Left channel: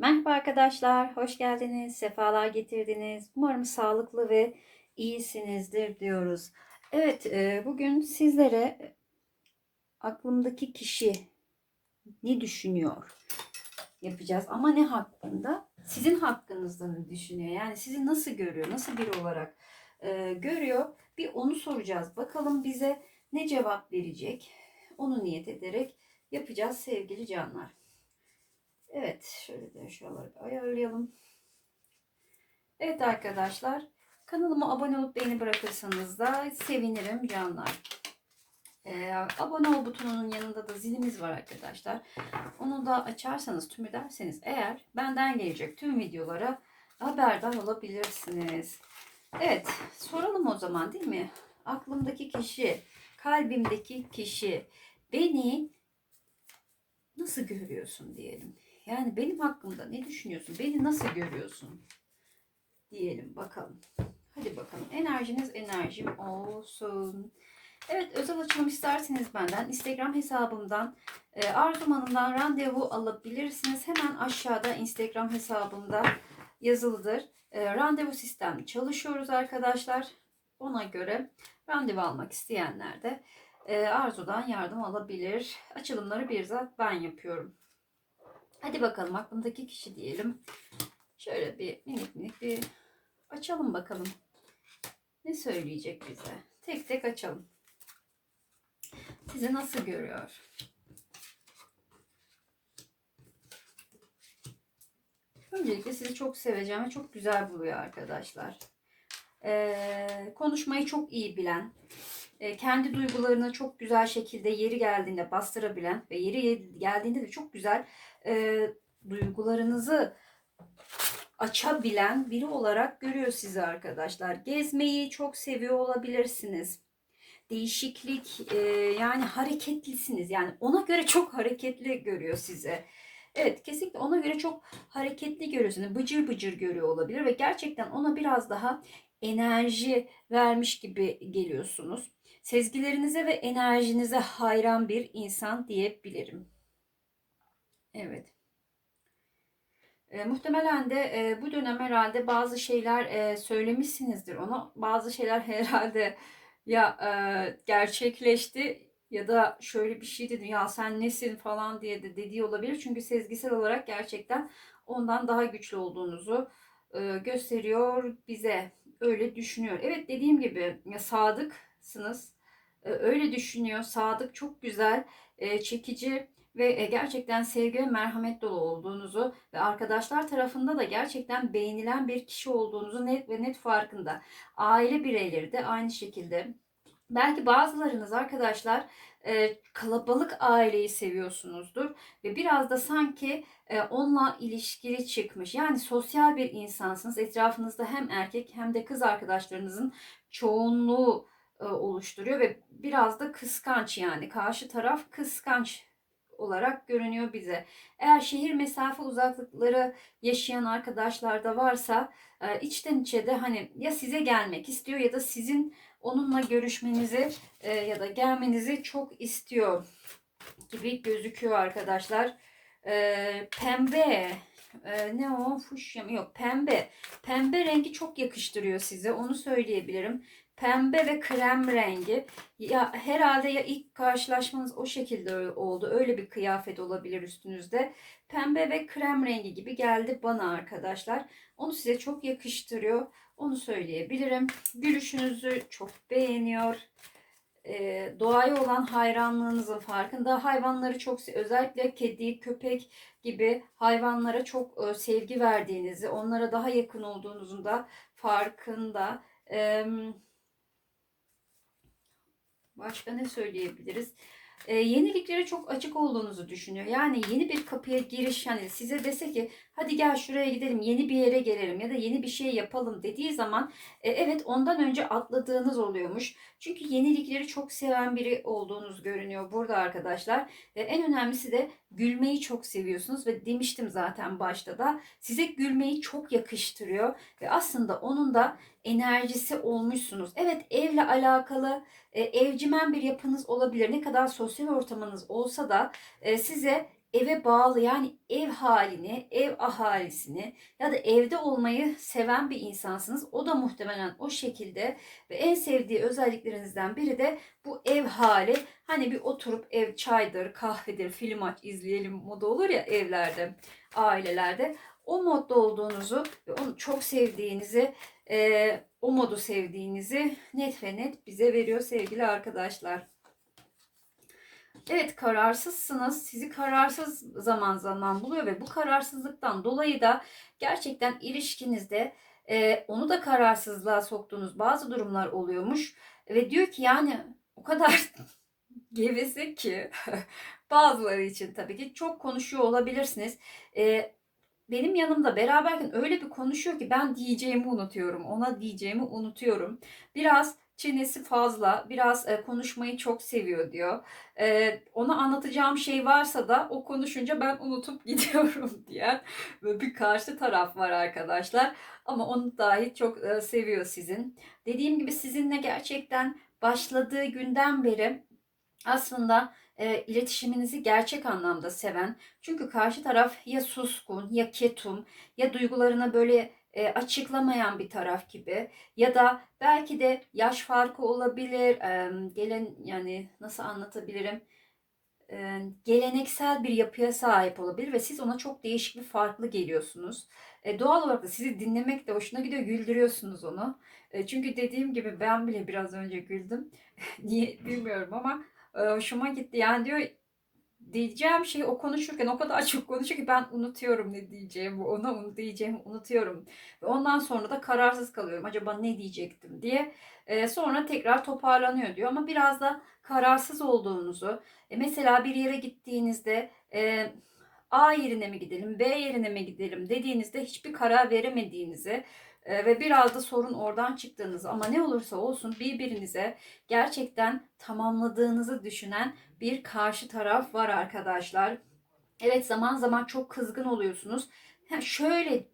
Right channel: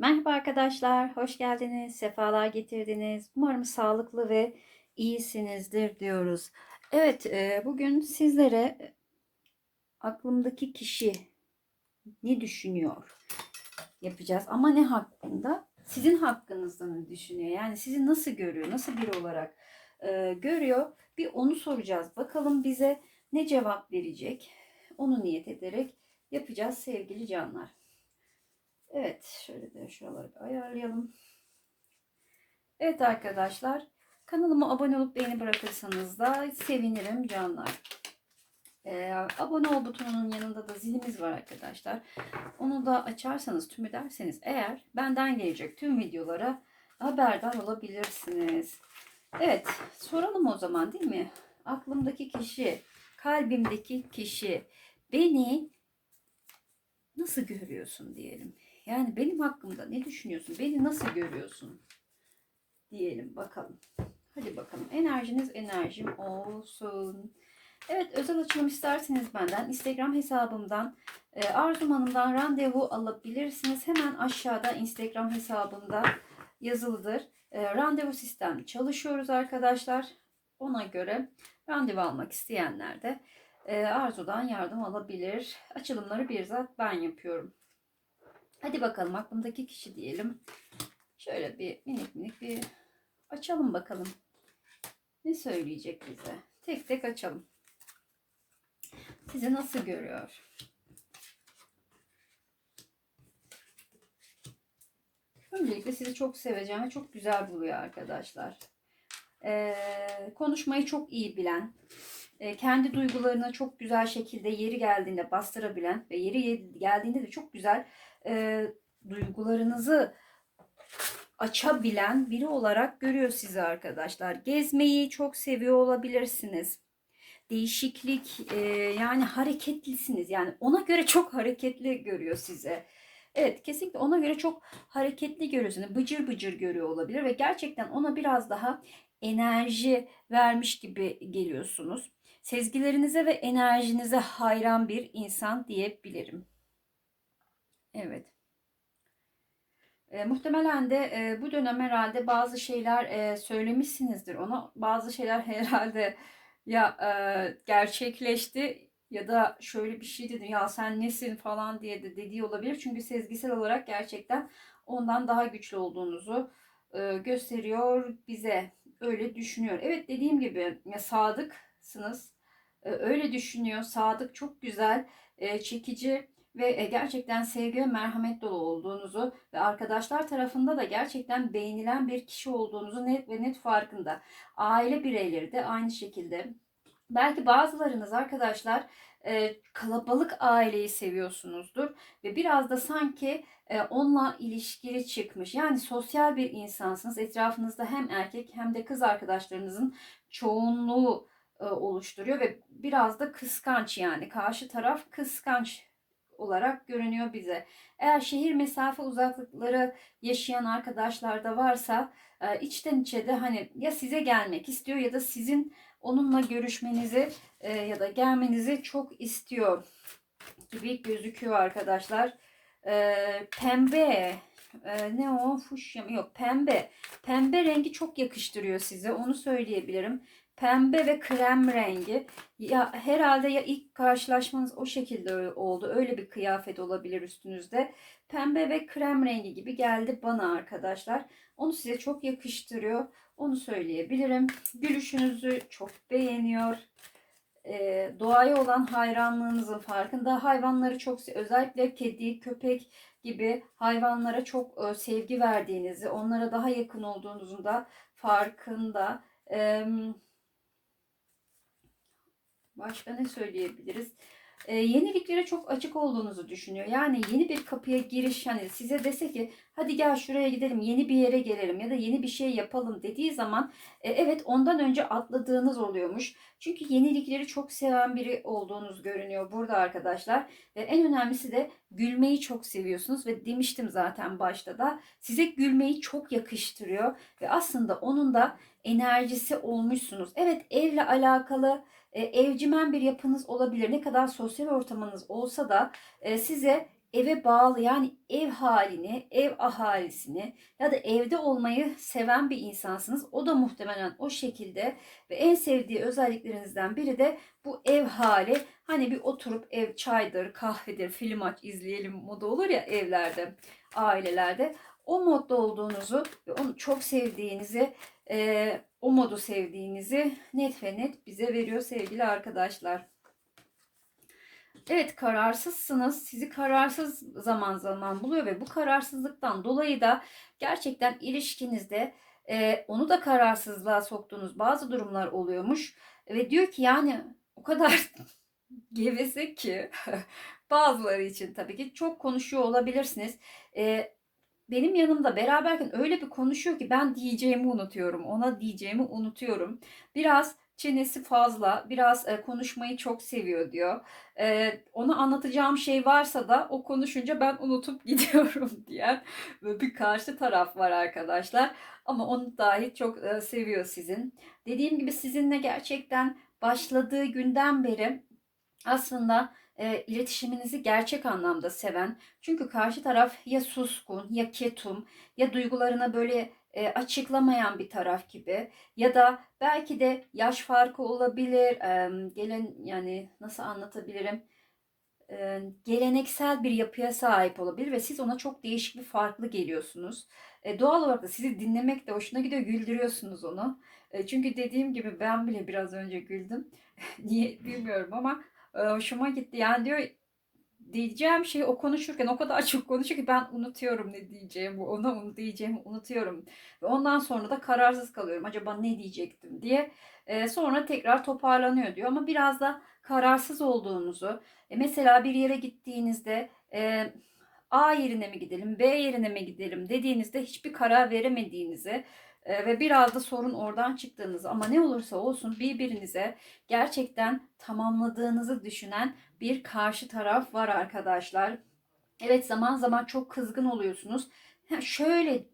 Merhaba arkadaşlar, hoş geldiniz, sefalar getirdiniz. Umarım sağlıklı ve iyisinizdir diyoruz. Evet, e, bugün sizlere aklımdaki kişi ne düşünüyor yapacağız. Ama ne hakkında? Sizin hakkınızda ne düşünüyor? Yani sizi nasıl görüyor, nasıl biri olarak e, görüyor? Bir onu soracağız. Bakalım bize ne cevap verecek? Onu niyet ederek yapacağız sevgili canlar. Evet, şöyle de şuraları ayarlayalım. Evet arkadaşlar, kanalıma abone olup beğeni bırakırsanız da sevinirim canlar. Ee, abone ol butonunun yanında da zilimiz var arkadaşlar. Onu da açarsanız tüm ederseniz eğer benden gelecek tüm videolara haberdar olabilirsiniz. Evet, soralım o zaman değil mi? Aklımdaki kişi, kalbimdeki kişi beni nasıl görüyorsun diyelim. Yani benim hakkımda ne düşünüyorsun? Beni nasıl görüyorsun? Diyelim bakalım. Hadi bakalım. Enerjiniz enerjim olsun. Evet özel açılım isterseniz benden Instagram hesabımdan e, Arzum Hanım'dan randevu alabilirsiniz. Hemen aşağıda Instagram hesabımda yazılıdır. E, randevu sistem çalışıyoruz arkadaşlar. Ona göre randevu almak isteyenler de e, Arzu'dan yardım alabilir. Açılımları bir zat ben yapıyorum. Hadi bakalım aklımdaki kişi diyelim. Şöyle bir minik minik bir açalım bakalım. Ne söyleyecek bize? Tek tek açalım. Sizi nasıl görüyor? Öncelikle sizi çok seveceğim ve çok güzel buluyor arkadaşlar. Ee, konuşmayı çok iyi bilen, kendi duygularını çok güzel şekilde yeri geldiğinde bastırabilen ve yeri geldiğinde de çok güzel e, duygularınızı açabilen biri olarak görüyor sizi arkadaşlar. Gezmeyi çok seviyor olabilirsiniz. Değişiklik e, yani hareketlisiniz. Yani ona göre çok hareketli görüyor size. Evet kesinlikle ona göre çok hareketli görüyorsunuz. Bıcır bıcır görüyor olabilir ve gerçekten ona biraz daha enerji vermiş gibi geliyorsunuz. Sezgilerinize ve enerjinize hayran bir insan diyebilirim. Evet. E, muhtemelen de e, bu dönem herhalde bazı şeyler e, söylemişsinizdir ona. Bazı şeyler herhalde ya e, gerçekleşti ya da şöyle bir şey dedi ya sen nesin falan diye de dediği olabilir. Çünkü sezgisel olarak gerçekten ondan daha güçlü olduğunuzu e, gösteriyor bize. Öyle düşünüyor. Evet dediğim gibi ya sadıksınız. E, öyle düşünüyor. Sadık çok güzel, e, çekici ve e, gerçekten sevgi ve merhamet dolu olduğunuzu ve arkadaşlar tarafında da gerçekten beğenilen bir kişi olduğunuzu net ve net farkında. Aile bireyleri de aynı şekilde. Belki bazılarınız arkadaşlar kalabalık aileyi seviyorsunuzdur ve biraz da sanki e, onunla ilişkili çıkmış. Yani sosyal bir insansınız. Etrafınızda hem erkek hem de kız arkadaşlarınızın çoğunluğu oluşturuyor ve biraz da kıskanç yani. Karşı taraf kıskanç olarak görünüyor bize. Eğer şehir mesafe uzaklıkları yaşayan arkadaşlar da varsa e, içten içe de hani ya size gelmek istiyor ya da sizin onunla görüşmenizi e, ya da gelmenizi çok istiyor gibi gözüküyor arkadaşlar. E, pembe ne o? Fuşya mı? Yok pembe. Pembe rengi çok yakıştırıyor size onu söyleyebilirim pembe ve krem rengi. Ya herhalde ya ilk karşılaşmanız o şekilde oldu. Öyle bir kıyafet olabilir üstünüzde. Pembe ve krem rengi gibi geldi bana arkadaşlar. Onu size çok yakıştırıyor. Onu söyleyebilirim. Gülüşünüzü çok beğeniyor. Ee, doğaya olan hayranlığınızın farkında. Hayvanları çok özellikle kedi, köpek gibi hayvanlara çok e, sevgi verdiğinizi, onlara daha yakın olduğunuzun da farkında. Ee, Başka ne söyleyebiliriz? Ee, yeniliklere çok açık olduğunuzu düşünüyor. Yani yeni bir kapıya giriş yani size dese ki hadi gel şuraya gidelim yeni bir yere gelelim ya da yeni bir şey yapalım dediği zaman e, evet ondan önce atladığınız oluyormuş. Çünkü yenilikleri çok seven biri olduğunuz görünüyor burada arkadaşlar. Ve en önemlisi de gülmeyi çok seviyorsunuz ve demiştim zaten başta da size gülmeyi çok yakıştırıyor ve aslında onun da enerjisi olmuşsunuz. Evet evle alakalı e, evcimen bir yapınız olabilir. Ne kadar sosyal ortamınız olsa da e, size eve bağlı yani ev halini, ev ahalisini ya da evde olmayı seven bir insansınız. O da muhtemelen o şekilde ve en sevdiği özelliklerinizden biri de bu ev hali. Hani bir oturup ev çaydır, kahvedir, film aç izleyelim modu olur ya evlerde, ailelerde. O modda olduğunuzu ve onu çok sevdiğinizi, e, o modu sevdiğinizi net ve net bize veriyor sevgili arkadaşlar. Evet kararsızsınız. Sizi kararsız zaman zaman buluyor ve bu kararsızlıktan dolayı da gerçekten ilişkinizde e, onu da kararsızlığa soktuğunuz bazı durumlar oluyormuş. Ve diyor ki yani o kadar geveze ki bazıları için tabii ki çok konuşuyor olabilirsiniz. E, benim yanımda beraberken öyle bir konuşuyor ki ben diyeceğimi unutuyorum. Ona diyeceğimi unutuyorum. Biraz çenesi fazla, biraz e, konuşmayı çok seviyor diyor. E, ona anlatacağım şey varsa da o konuşunca ben unutup gidiyorum diyen böyle bir karşı taraf var arkadaşlar. Ama onu dahi çok e, seviyor sizin. Dediğim gibi sizinle gerçekten başladığı günden beri aslında e, iletişiminizi gerçek anlamda seven. Çünkü karşı taraf ya suskun ya ketum ya duygularına böyle e, açıklamayan bir taraf gibi ya da belki de yaş farkı olabilir. E, gelen yani nasıl anlatabilirim? E, geleneksel bir yapıya sahip olabilir ve siz ona çok değişik bir farklı geliyorsunuz. E, doğal olarak da sizi dinlemek de hoşuna gidiyor, güldürüyorsunuz onu. E, çünkü dediğim gibi ben bile biraz önce güldüm. Niye bilmiyorum ama hoşuma gitti. Yani diyor diyeceğim şey o konuşurken o kadar çok konuşuyor ki ben unutuyorum ne diyeceğimi, ona onu diyeceğimi unutuyorum. Ve ondan sonra da kararsız kalıyorum. Acaba ne diyecektim diye. E, sonra tekrar toparlanıyor diyor. Ama biraz da kararsız olduğunuzu, e, mesela bir yere gittiğinizde e, A yerine mi gidelim, B yerine mi gidelim dediğinizde hiçbir karar veremediğinizi ve biraz da sorun oradan çıktığınızı ama ne olursa olsun birbirinize gerçekten tamamladığınızı düşünen bir karşı taraf var arkadaşlar. Evet zaman zaman çok kızgın oluyorsunuz. Şöyle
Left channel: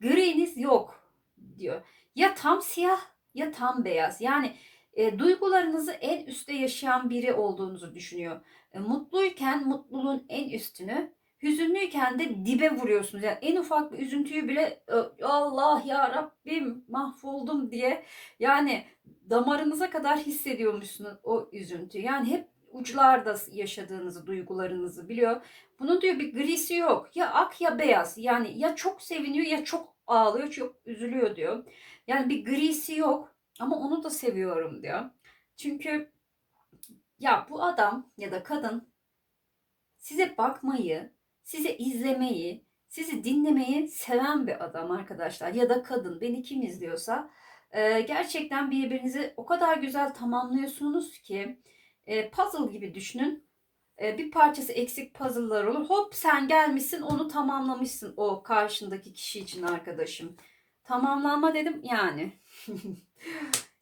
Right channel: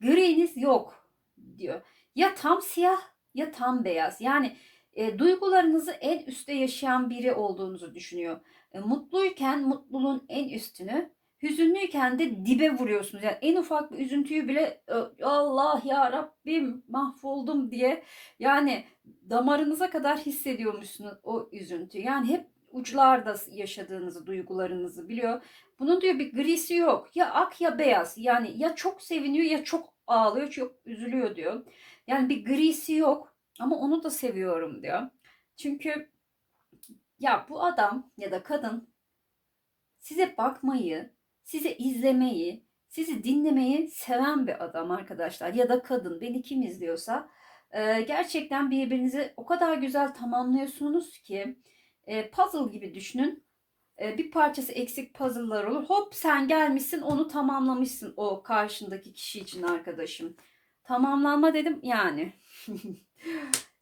griniz yok diyor. Ya tam siyah ya tam beyaz. Yani e, duygularınızı en üstte yaşayan biri olduğunuzu düşünüyor. E, mutluyken mutluluğun en üstünü, hüzünlüyken de dibe vuruyorsunuz. Yani en ufak bir üzüntüyü bile Allah ya Rabbim mahvoldum diye yani damarınıza kadar hissediyormuşsunuz o üzüntüyü. Yani hep uçlarda yaşadığınızı, duygularınızı biliyor. Bunun diyor bir grisi yok. Ya ak ya beyaz. Yani ya çok seviniyor ya çok ağlıyor, çok üzülüyor diyor. Yani bir grisi yok ama onu da seviyorum diyor. Çünkü ya bu adam ya da kadın size bakmayı, size izlemeyi, sizi dinlemeyi seven bir adam arkadaşlar ya da kadın beni kim izliyorsa gerçekten birbirinizi o kadar güzel tamamlıyorsunuz ki e, puzzle gibi düşünün. E, bir parçası eksik puzzle'lar olur. Hop sen gelmişsin onu tamamlamışsın o karşındaki kişi için arkadaşım. Tamamlanma dedim yani.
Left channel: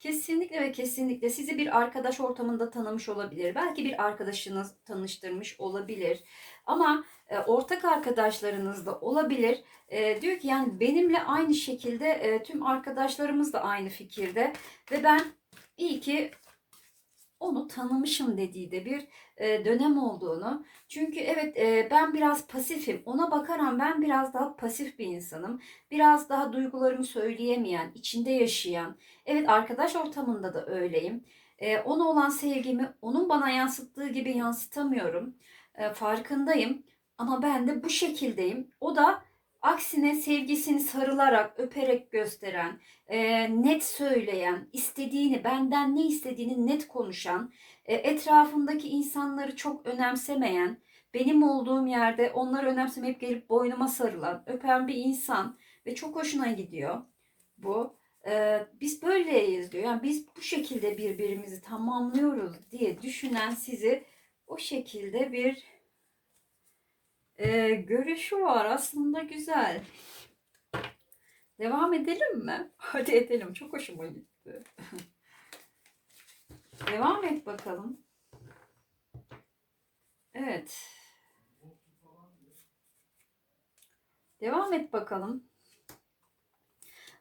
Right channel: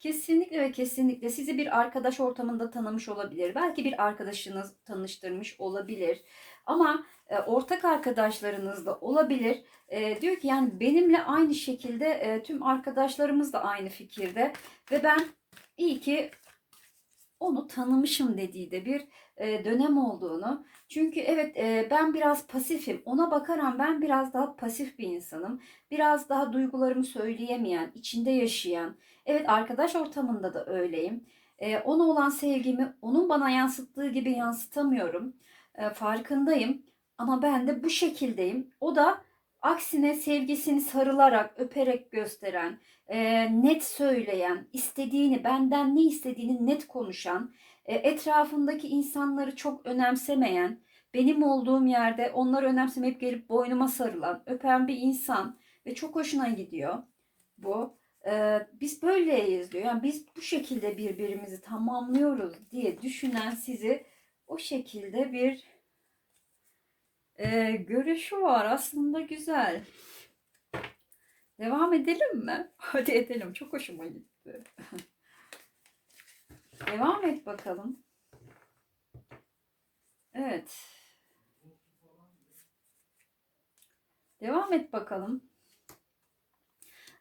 kesinlikle ve kesinlikle sizi bir arkadaş ortamında tanımış olabilir. Belki bir arkadaşınız tanıştırmış olabilir. Ama e, ortak arkadaşlarınız da olabilir. E, diyor ki yani benimle aynı şekilde e, tüm arkadaşlarımız da aynı fikirde. Ve ben iyi ki onu tanımışım dediği de bir e, dönem olduğunu. Çünkü evet e, ben biraz pasifim. Ona bakaran ben biraz daha pasif bir insanım. Biraz daha duygularımı söyleyemeyen, içinde yaşayan. Evet arkadaş ortamında da öyleyim. E, ona olan sevgimi onun bana yansıttığı gibi yansıtamıyorum. E, farkındayım. Ama ben de bu şekildeyim. O da aksine sevgisini sarılarak, öperek gösteren, e, net söyleyen, istediğini, benden ne istediğini net konuşan, e, etrafındaki insanları çok önemsemeyen, benim olduğum yerde onları önemsemeyip gelip boynuma sarılan, öpen bir insan ve çok hoşuna gidiyor bu. E, biz böyleyiz diyor. Yani biz bu şekilde birbirimizi tamamlıyoruz diye düşünen sizi o şekilde bir e, görüşü var. Aslında güzel. Devam edelim mi? Hadi edelim. Çok hoşuma gitti. Devam et bakalım. Evet. Devam et bakalım.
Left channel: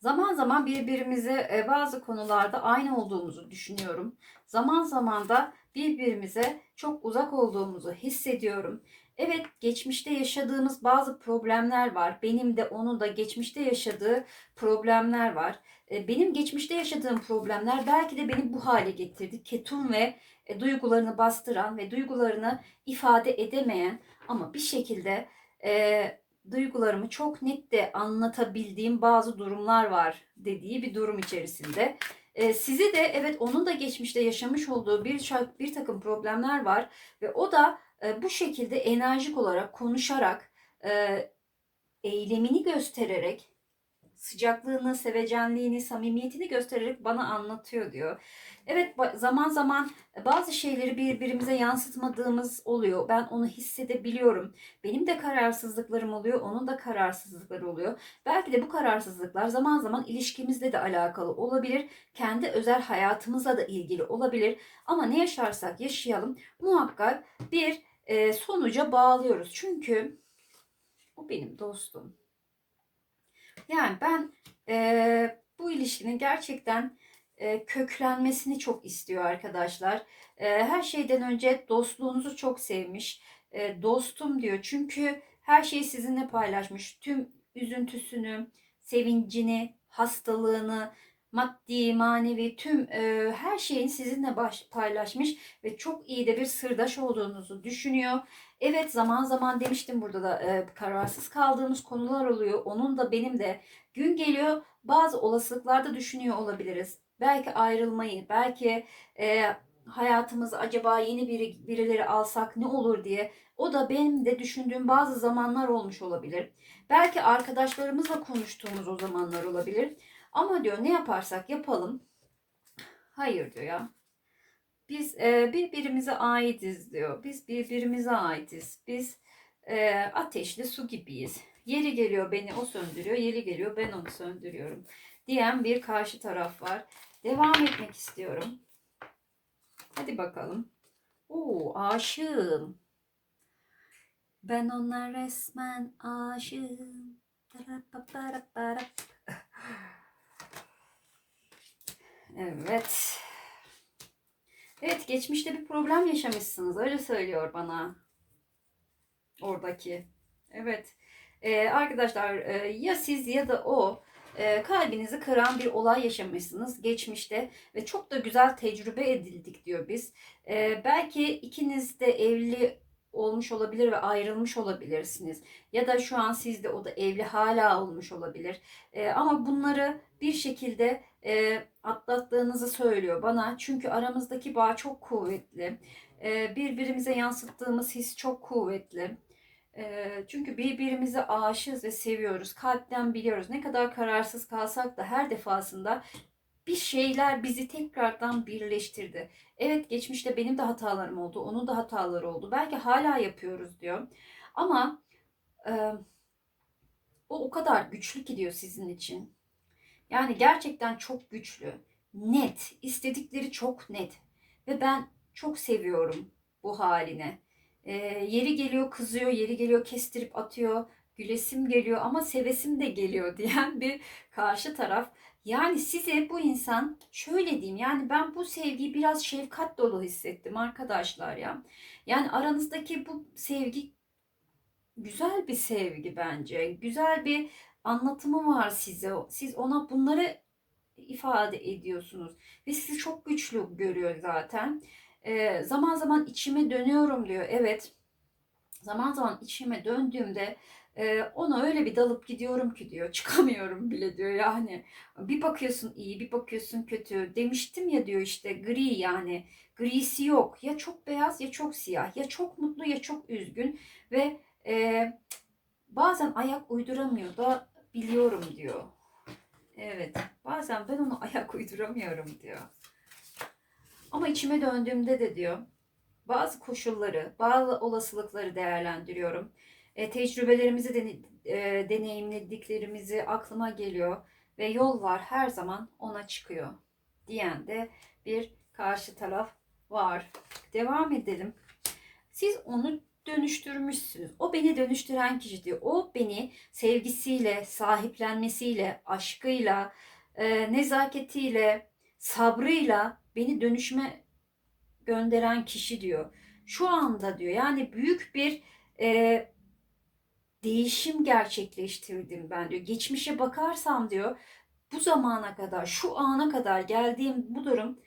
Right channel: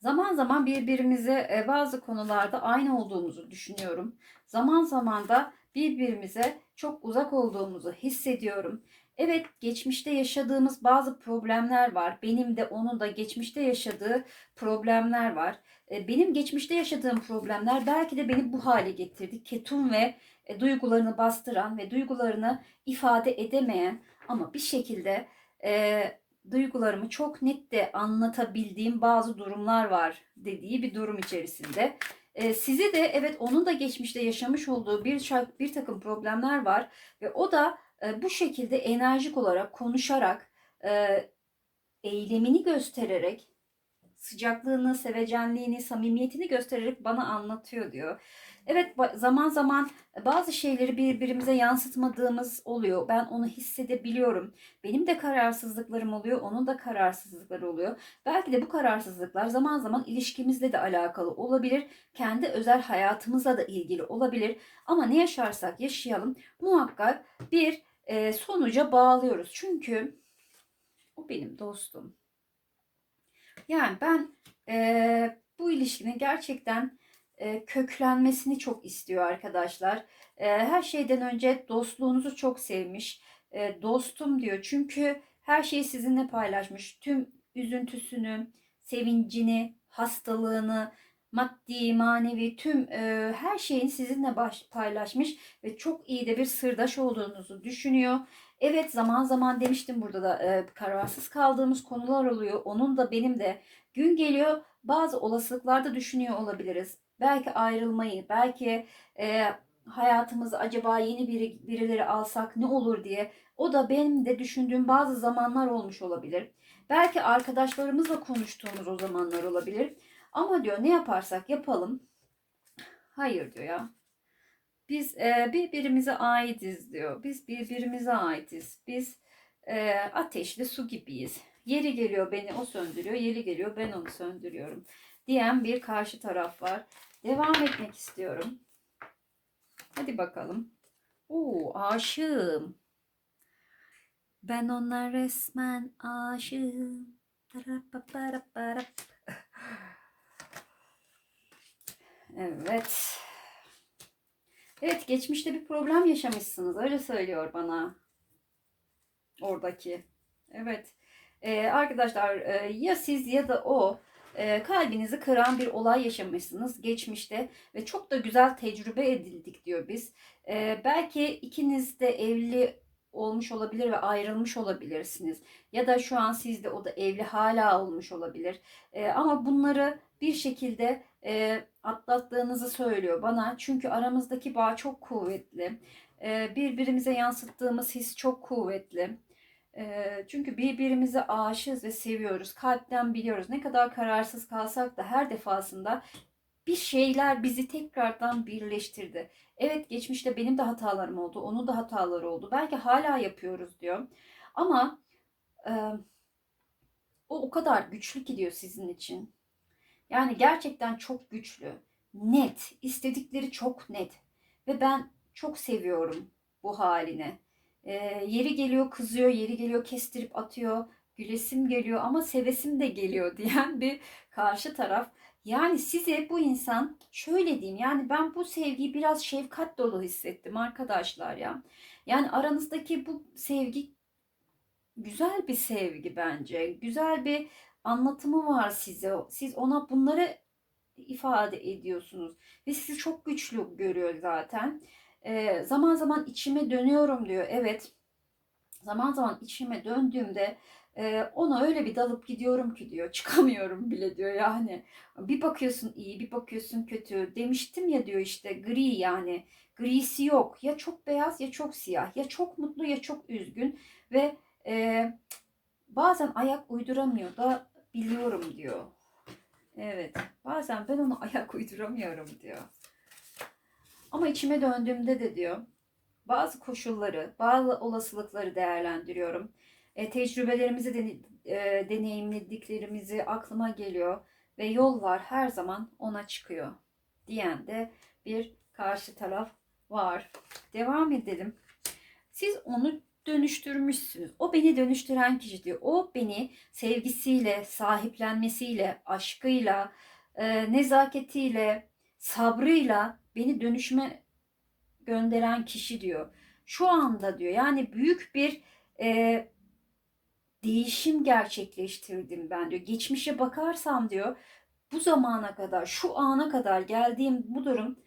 Zaman zaman birbirimize e, bazı konularda aynı olduğumuzu düşünüyorum. Zaman zaman da birbirimize çok uzak olduğumuzu hissediyorum. Evet, geçmişte yaşadığımız bazı problemler var. Benim de onun da geçmişte yaşadığı problemler var. E, Benim geçmişte yaşadığım problemler belki de beni bu hale getirdi. Ketum ve e, duygularını bastıran ve duygularını ifade edemeyen ama bir şekilde e, duygularımı çok net de anlatabildiğim bazı durumlar var dediği bir durum içerisinde. E, sizi de evet onun da geçmişte yaşamış olduğu bir bir takım problemler var ve o da e, bu şekilde enerjik olarak konuşarak e, eylemini göstererek sıcaklığını, sevecenliğini, samimiyetini göstererek bana anlatıyor diyor. Evet zaman zaman bazı şeyleri birbirimize yansıtmadığımız oluyor. Ben onu hissedebiliyorum. Benim de kararsızlıklarım oluyor, onun da kararsızlıkları oluyor. Belki de bu kararsızlıklar zaman zaman ilişkimizle de alakalı olabilir. Kendi özel hayatımızla da ilgili olabilir. Ama ne yaşarsak yaşayalım muhakkak bir e, sonuca bağlıyoruz. Çünkü o benim dostum. Yani ben e, bu ilişkinin gerçekten e, köklenmesini çok istiyor arkadaşlar. E, her şeyden önce dostluğunuzu çok sevmiş. E, dostum diyor çünkü her şeyi sizinle paylaşmış. Tüm üzüntüsünü, sevincini, hastalığını, maddi, manevi tüm her şeyini sizinle paylaşmış ve çok iyi de bir sırdaş olduğunuzu düşünüyor. Evet zaman zaman demiştim burada da e, kararsız kaldığımız konular oluyor. Onun da benim de gün geliyor bazı olasılıklarda düşünüyor olabiliriz. Belki ayrılmayı, belki e, hayatımıza acaba yeni biri, birileri alsak ne olur diye. O da benim de düşündüğüm bazı zamanlar olmuş olabilir. Belki arkadaşlarımızla konuştuğumuz o zamanlar olabilir. Ama diyor ne yaparsak yapalım. Hayır diyor ya. Biz e, birbirimize aitiz diyor. Biz birbirimize aitiz. Biz e, ateşli su gibiyiz. Yeri geliyor beni o söndürüyor, yeri geliyor ben onu söndürüyorum diyen bir karşı taraf var. Devam etmek istiyorum. Hadi bakalım. Oo, aşığım. Ben ona resmen aşığım. Evet. Evet, geçmişte bir problem yaşamışsınız. Öyle söylüyor bana. Oradaki. Evet. Ee, arkadaşlar e, ya siz ya da o e, kalbinizi kıran bir olay yaşamışsınız geçmişte ve çok da güzel tecrübe edildik diyor biz. E, belki ikiniz de evli olmuş olabilir ve ayrılmış olabilirsiniz. Ya da şu an siz de o da evli hala olmuş olabilir. E, ama bunları bir şekilde e, atlattığınızı söylüyor bana. Çünkü aramızdaki bağ çok kuvvetli. Birbirimize yansıttığımız his çok kuvvetli. Çünkü birbirimize aşığız ve seviyoruz. Kalpten biliyoruz. Ne kadar kararsız kalsak da her defasında bir şeyler bizi tekrardan birleştirdi. Evet geçmişte benim de hatalarım oldu. Onun da hataları oldu. Belki hala yapıyoruz diyor. Ama e, o o kadar güçlü ki diyor sizin için. Yani gerçekten çok güçlü. Net. istedikleri çok net. Ve ben çok seviyorum bu haline. Ee, yeri geliyor kızıyor, yeri geliyor kestirip atıyor. Gülesim geliyor ama sevesim de geliyor diyen bir karşı taraf. Yani size bu insan şöyle diyeyim yani ben bu sevgiyi biraz şefkat dolu hissettim arkadaşlar ya. Yani aranızdaki bu sevgi güzel bir sevgi bence. Güzel bir anlatımı var size. Siz ona bunları ifade ediyorsunuz. Ve sizi çok güçlü görüyor zaten. Ee, zaman zaman içime dönüyorum diyor. Evet. Zaman zaman içime döndüğümde e, ona öyle bir dalıp gidiyorum ki diyor. Çıkamıyorum bile diyor yani. Bir bakıyorsun iyi bir bakıyorsun kötü. Demiştim ya diyor işte gri yani. Grisi yok. Ya çok beyaz ya çok siyah. Ya çok mutlu ya çok üzgün. Ve e, bazen ayak uyduramıyor da biliyorum diyor. Evet. Bazen ben ona ayak uyduramıyorum diyor. Ama içime döndüğümde de diyor bazı koşulları, bazı olasılıkları değerlendiriyorum. E, tecrübelerimizi, dene, e, deneyimlediklerimizi aklıma geliyor ve yol var her zaman ona çıkıyor diyen de bir karşı taraf var. Devam edelim. Siz onu dönüştürmüşsünüz. O beni dönüştüren kişi diyor. O beni sevgisiyle, sahiplenmesiyle, aşkıyla, e, nezaketiyle, sabrıyla beni dönüşme gönderen kişi diyor. Şu anda diyor yani büyük bir e, değişim gerçekleştirdim ben diyor. Geçmişe bakarsam diyor bu zamana kadar, şu ana kadar geldiğim bu durum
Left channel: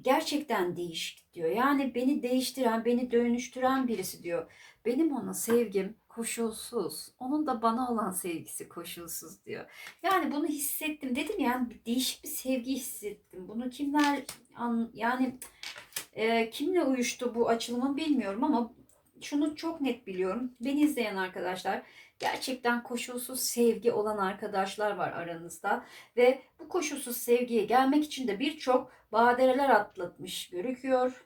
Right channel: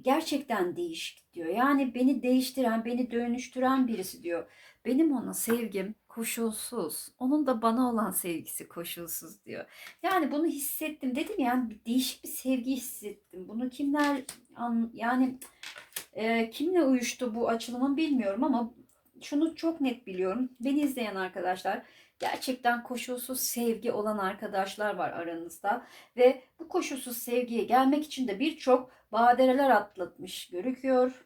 gerçekten değişik diyor. Yani beni değiştiren, beni dönüştüren birisi diyor. Benim ona sevgim koşulsuz. Onun da bana olan sevgisi koşulsuz diyor. Yani bunu hissettim. Dedim yani bir değişik bir sevgi hissettim. Bunu kimler an, yani e, kimle uyuştu bu açılımın bilmiyorum ama şunu çok net biliyorum. Beni izleyen arkadaşlar gerçekten koşulsuz sevgi olan arkadaşlar var aranızda ve bu koşulsuz sevgiye gelmek için de birçok badireler atlatmış gözüküyor.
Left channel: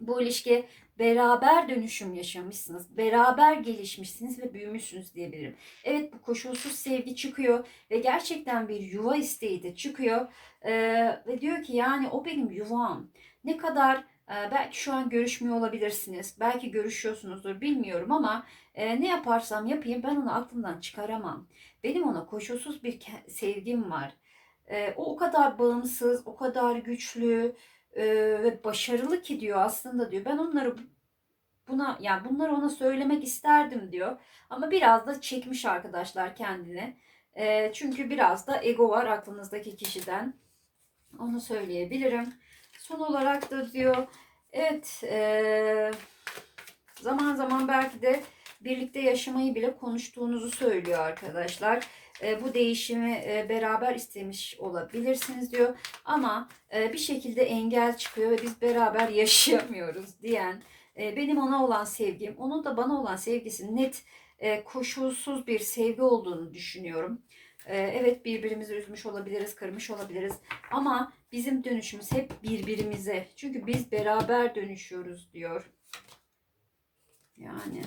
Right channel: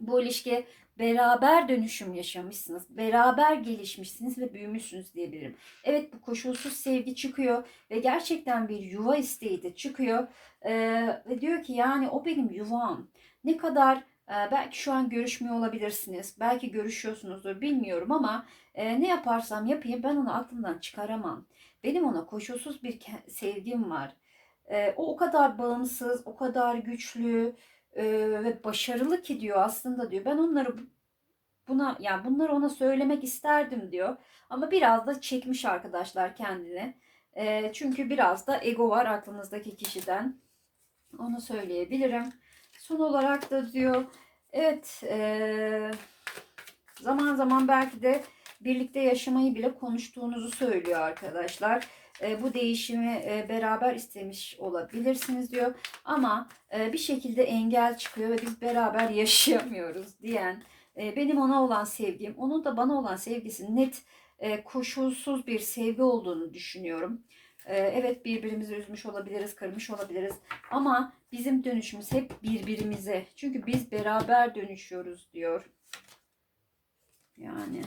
Bu ilişki beraber dönüşüm yaşamışsınız, beraber gelişmişsiniz ve büyümüşsünüz diyebilirim. Evet bu koşulsuz sevgi çıkıyor ve gerçekten bir yuva isteği de çıkıyor Ee, ve diyor ki yani o benim yuvam. Ne kadar e, belki şu an görüşmüyor olabilirsiniz, belki görüşüyorsunuzdur bilmiyorum ama e, ne yaparsam yapayım ben onu aklımdan çıkaramam. Benim ona koşulsuz bir sevgim var. E, o o kadar bağımsız, o kadar güçlü ve başarılı ki diyor aslında diyor. Ben onları buna yani bunları ona söylemek isterdim diyor. Ama biraz da çekmiş arkadaşlar kendini. E, çünkü biraz da ego var aklınızdaki kişiden. Onu söyleyebilirim. Son olarak da diyor evet e, zaman zaman belki de birlikte yaşamayı bile konuştuğunuzu söylüyor arkadaşlar. E, bu değişimi e, beraber istemiş olabilirsiniz diyor. Ama e, bir şekilde engel çıkıyor ve biz beraber yaşayamıyoruz diyen benim ona olan sevgim, onun da bana olan sevgisi net koşulsuz bir sevgi olduğunu düşünüyorum. Evet birbirimizi üzmüş olabiliriz, kırmış olabiliriz ama bizim dönüşümüz hep birbirimize. Çünkü biz beraber dönüşüyoruz diyor. Yani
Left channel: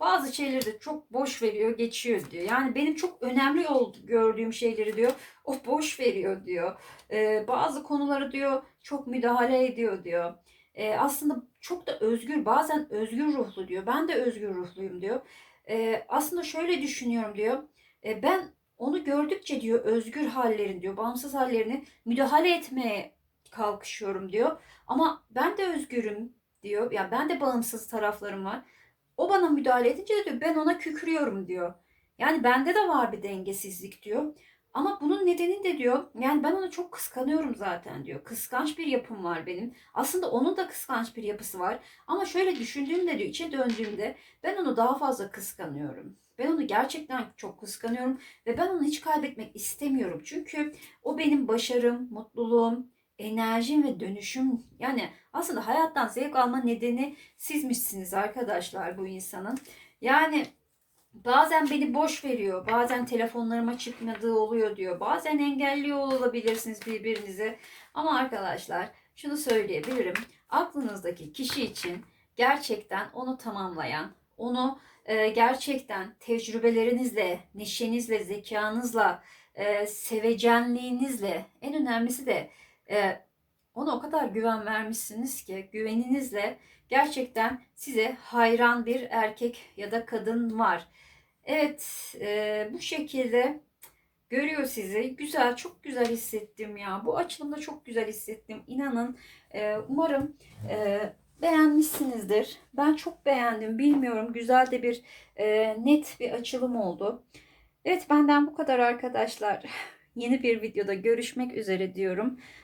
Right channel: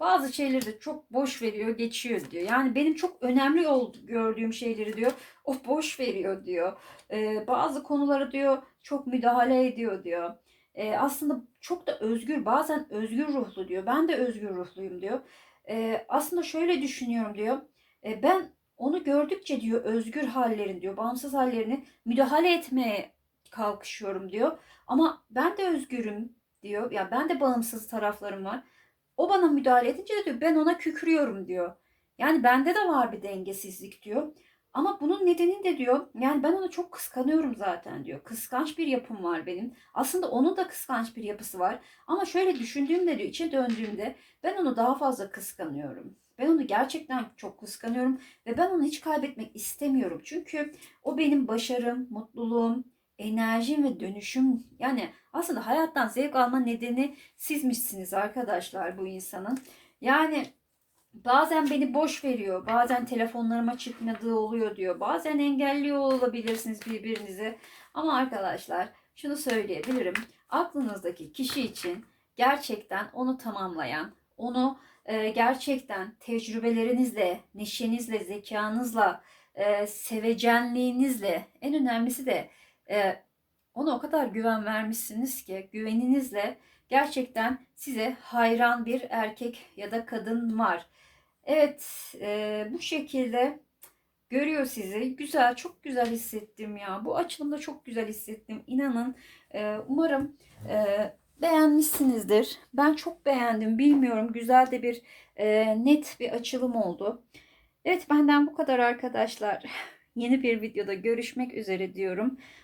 bazı şeyleri de çok boş veriyor, geçiyor diyor. Yani benim çok önemli oldu, gördüğüm şeyleri diyor, o boş veriyor diyor. Ee, bazı konuları diyor çok müdahale ediyor diyor. Ee, aslında çok da özgür, bazen özgür ruhlu diyor. Ben de özgür ruhluyum diyor. Ee, aslında şöyle düşünüyorum diyor. Ee, ben onu gördükçe diyor özgür hallerini diyor, bağımsız hallerini müdahale etmeye kalkışıyorum diyor. Ama ben de özgürüm diyor. Ya ben de bağımsız taraflarım var. O bana müdahale edince de diyor ben ona kükrüyorum diyor. Yani bende de var bir dengesizlik diyor. Ama bunun nedeni de diyor yani ben onu çok kıskanıyorum zaten diyor. Kıskanç bir yapım var benim. Aslında onun da kıskanç bir yapısı var. Ama şöyle düşündüğümde diyor içe döndüğümde ben onu daha fazla kıskanıyorum. Ben onu gerçekten çok kıskanıyorum ve ben onu hiç kaybetmek istemiyorum. Çünkü o benim başarım, mutluluğum, enerjim ve dönüşüm. Yani aslında hayattan zevk alma nedeni sizmişsiniz arkadaşlar bu insanın. Yani bazen beni boş veriyor, bazen telefonlarıma çıkmadığı oluyor diyor. Bazen engelliyor olabilirsiniz birbirinizi. Ama arkadaşlar şunu söyleyebilirim. Aklınızdaki kişi için gerçekten onu tamamlayan, onu e, gerçekten tecrübelerinizle, neşenizle, zekanızla, e, sevecenliğinizle, en önemlisi de e, ona o kadar güven vermişsiniz ki güveninizle gerçekten size hayran bir erkek ya da kadın var. Evet e, bu şekilde görüyor sizi. Güzel, çok güzel hissettim ya. Bu açılımda çok güzel hissettim. İnanın e, umarım e, beğenmişsinizdir. Ben çok beğendim. Bilmiyorum güzel de bir e, net bir açılım oldu. Evet benden bu kadar arkadaşlar. Yeni bir videoda görüşmek üzere diyorum.